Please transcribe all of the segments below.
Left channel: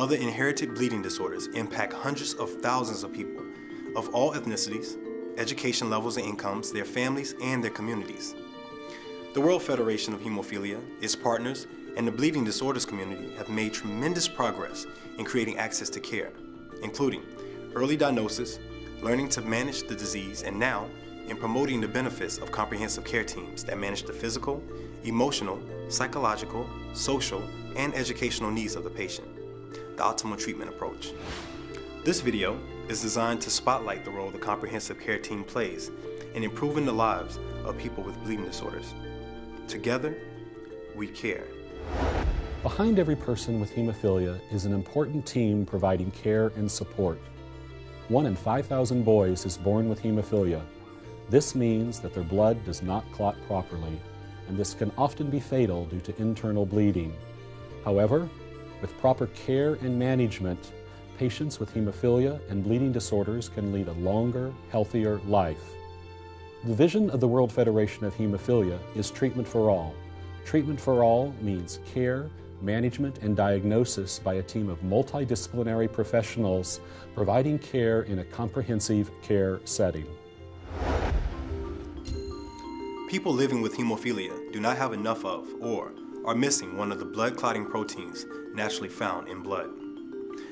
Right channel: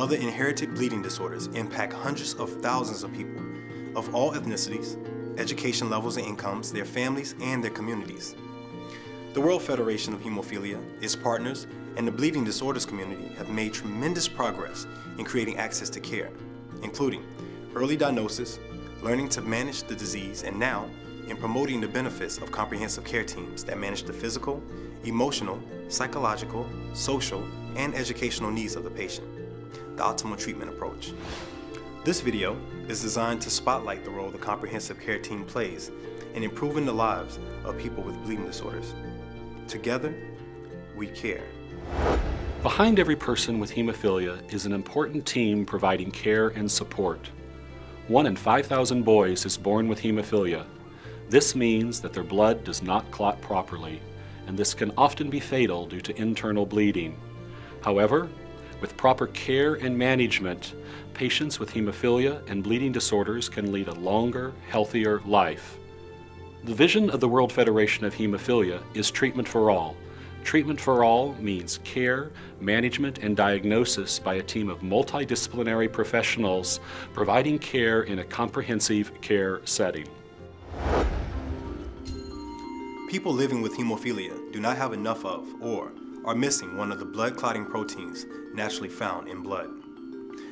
other inherited bleeding disorders impact hundreds of thousands of people of all ethnicities, education levels and incomes, their families, and their communities. The World Federation of Hemophilia, its partners, and the bleeding disorders community have made tremendous progress in creating access to care, including early diagnosis, learning to manage the disease, and now in promoting the benefits of comprehensive care teams that manage the physical, emotional, psychological, social, and educational needs of the patient, the optimal treatment approach. This video is designed to spotlight the role the comprehensive care team plays in improving the lives of people with bleeding disorders. Together, we care. Behind every person with hemophilia is an important team providing care and support. 1 in 5,000 boys is born with hemophilia. This means that their blood does not clot properly, and this can often be fatal due to internal bleeding. However, with proper care and management, patients with hemophilia and bleeding disorders can lead a longer, healthier life. The vision of the World Federation of Hemophilia is treatment for all. Treatment for all means care, management, and diagnosis by a team of multidisciplinary professionals providing care in a comprehensive care setting. People living with hemophilia do not have enough of or are missing one of the blood clotting proteins naturally found in blood.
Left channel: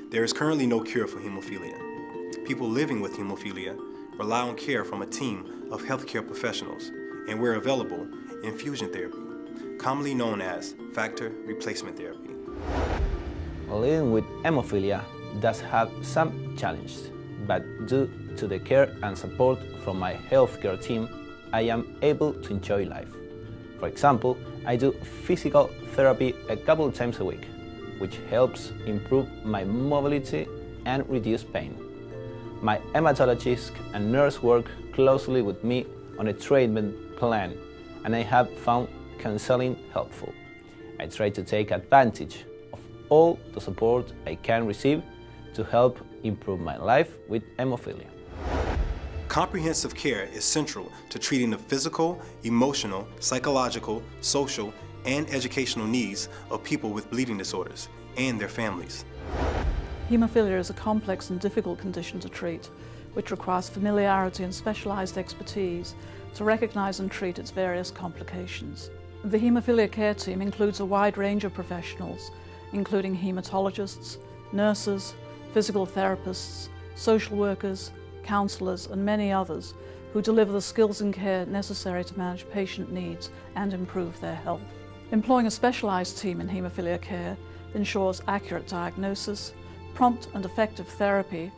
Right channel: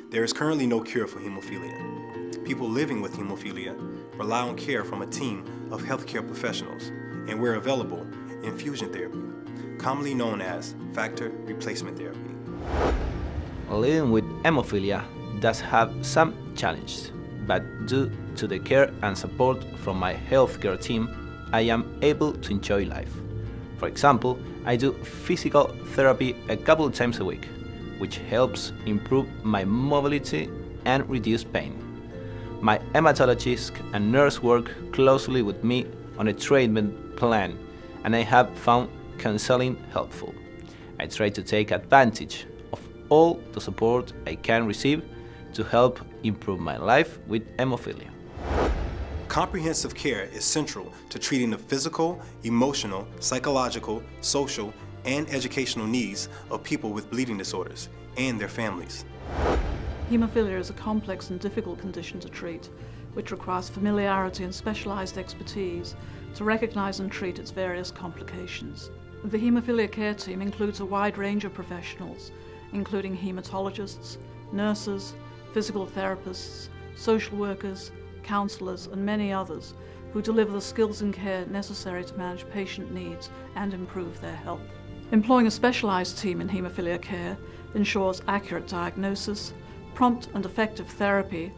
There is currently no cure for hemophilia. People living with hemophilia rely on care from a team of healthcare professionals, and where available, infusion therapy, commonly known as factor replacement therapy. Living with hemophilia does have some challenges, but due to the care and support from my healthcare team, I am able to enjoy life. For example, I do physical therapy a couple of times a week, which helps improve my mobility and reduce pain. My hematologist and nurse work closely with me on a treatment plan, and I have found counseling helpful. I try to take advantage of all the support I can receive to help improve my life with hemophilia. Comprehensive care is central to treating the physical, emotional, psychological, social, and educational needs of people with bleeding disorders and their families. Hemophilia is a complex and difficult condition to treat, which requires familiarity and specialized expertise to recognize and treat its various complications. The hemophilia care team includes a wide range of professionals, including hematologists, nurses, physical therapists, social workers, counselors, and many others who deliver the skills and care necessary to manage patient needs and improve their health. Employing a specialized team in hemophilia care ensures accurate diagnosis, prompt and effective therapy,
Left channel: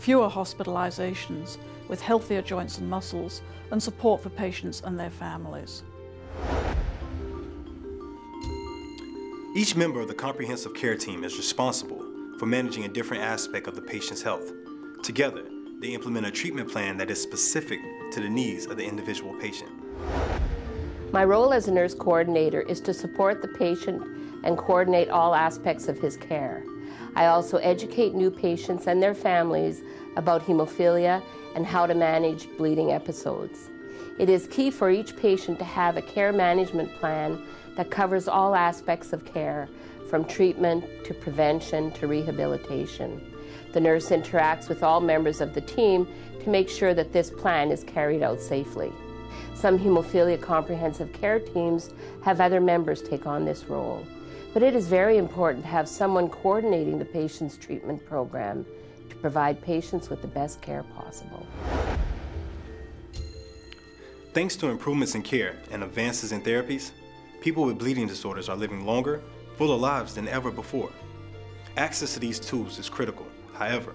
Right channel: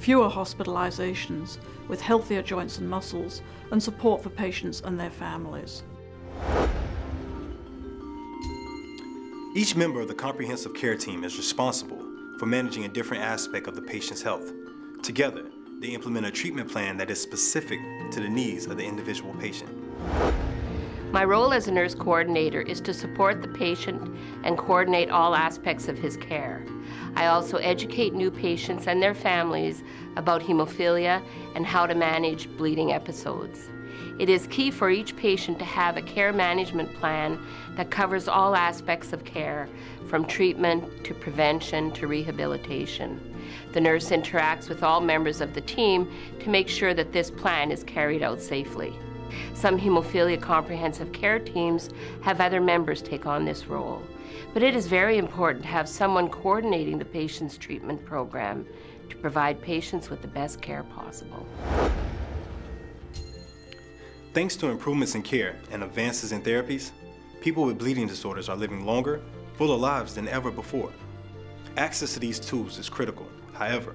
fewer hospitalizations with healthier joints and muscles, and support for patients and their families. Each member of the comprehensive care team is responsible for managing a different aspect of the patient's health. Together, they implement a treatment plan that is specific to the needs of the individual patient. My role as a nurse coordinator is to support the patient and coordinate all aspects of his care. I also educate new patients and their families about hemophilia and how to manage bleeding episodes. It is key for each patient to have a care management plan that covers all aspects of care, from treatment to prevention to rehabilitation. The nurse interacts with all members of the team to make sure that this plan is carried out safely. Some hemophilia comprehensive care teams have other members take on this role, but it is very important to have someone coordinating the patient's treatment program to provide patients with the best care possible. Thanks to improvements in care and advances in therapies, people with bleeding disorders are living longer, fuller lives than ever before. Access to these tools is critical. However,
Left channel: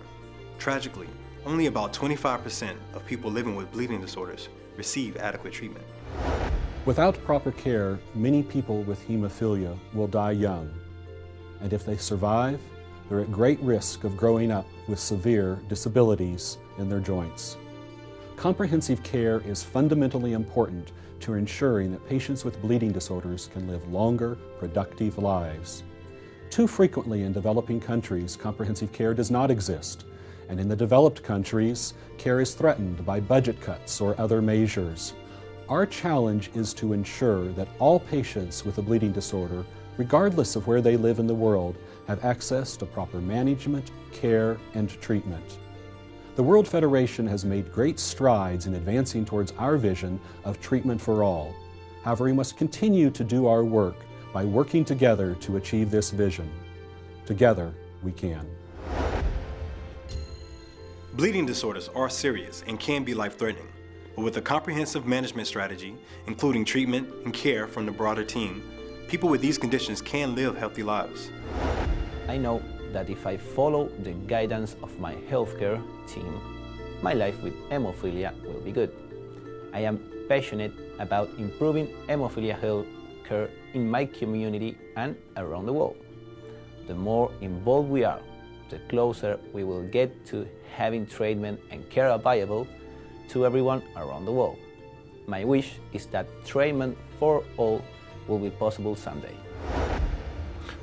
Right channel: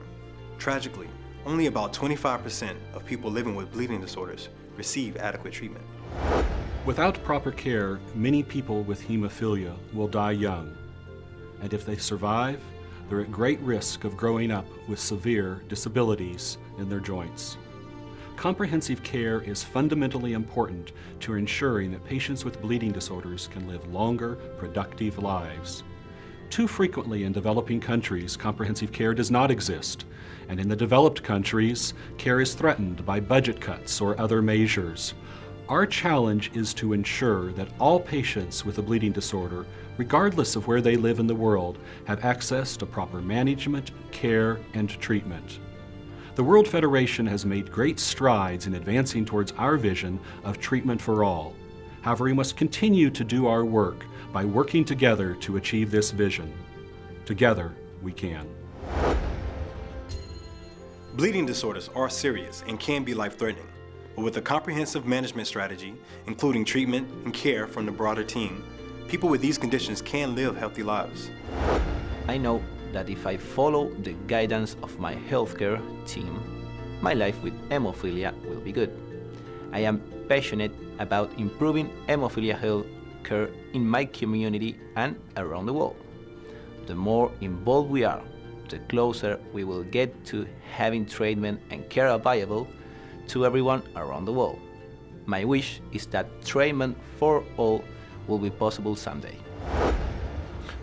tragically, only about 25% of people living with bleeding disorders receive adequate treatment. Without proper care, many people with hemophilia will die young. And if they survive, they're at great risk of growing up with severe disabilities in their joints. Comprehensive care is fundamentally important to ensuring that patients with bleeding disorders can live longer, productive lives. Too frequently in developing countries, comprehensive care does not exist, and in the developed countries, care is threatened by budget cuts or other measures. Our challenge is to ensure that all patients with a bleeding disorder regardless of where they live in the world, have access to proper management, care, and treatment. The World Federation has made great strides in advancing towards our vision of treatment for all. However, we must continue to do our work by working together to achieve this vision. Together, we can. Bleeding disorders are serious and can be life-threatening, but with a comprehensive management strategy, including treatment and care from the broader team, people with these conditions can live healthy lives. I know that if I follow the guidance of my healthcare team, my life with hemophilia will be good. I am passionate about improving hemophilia health care in my community and around the world. The more involved we are, the closer we will get to having treatment and care available to everyone around the world. My wish is that treatment for all will be possible someday.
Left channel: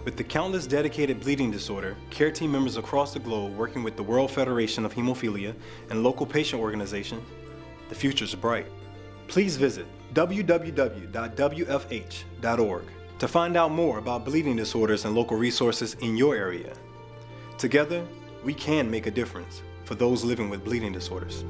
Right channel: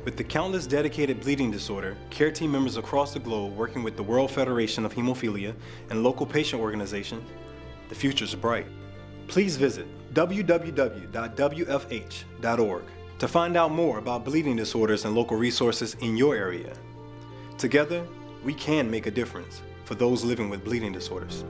With the countless dedicated bleeding disorder care team members across the globe working with the World Federation of Hemophilia and local patient organizations, the future is bright. Please visit www.wfh.org to find out more about bleeding disorders and local resources in your area. Together, we can make a difference for those living with bleeding disorders.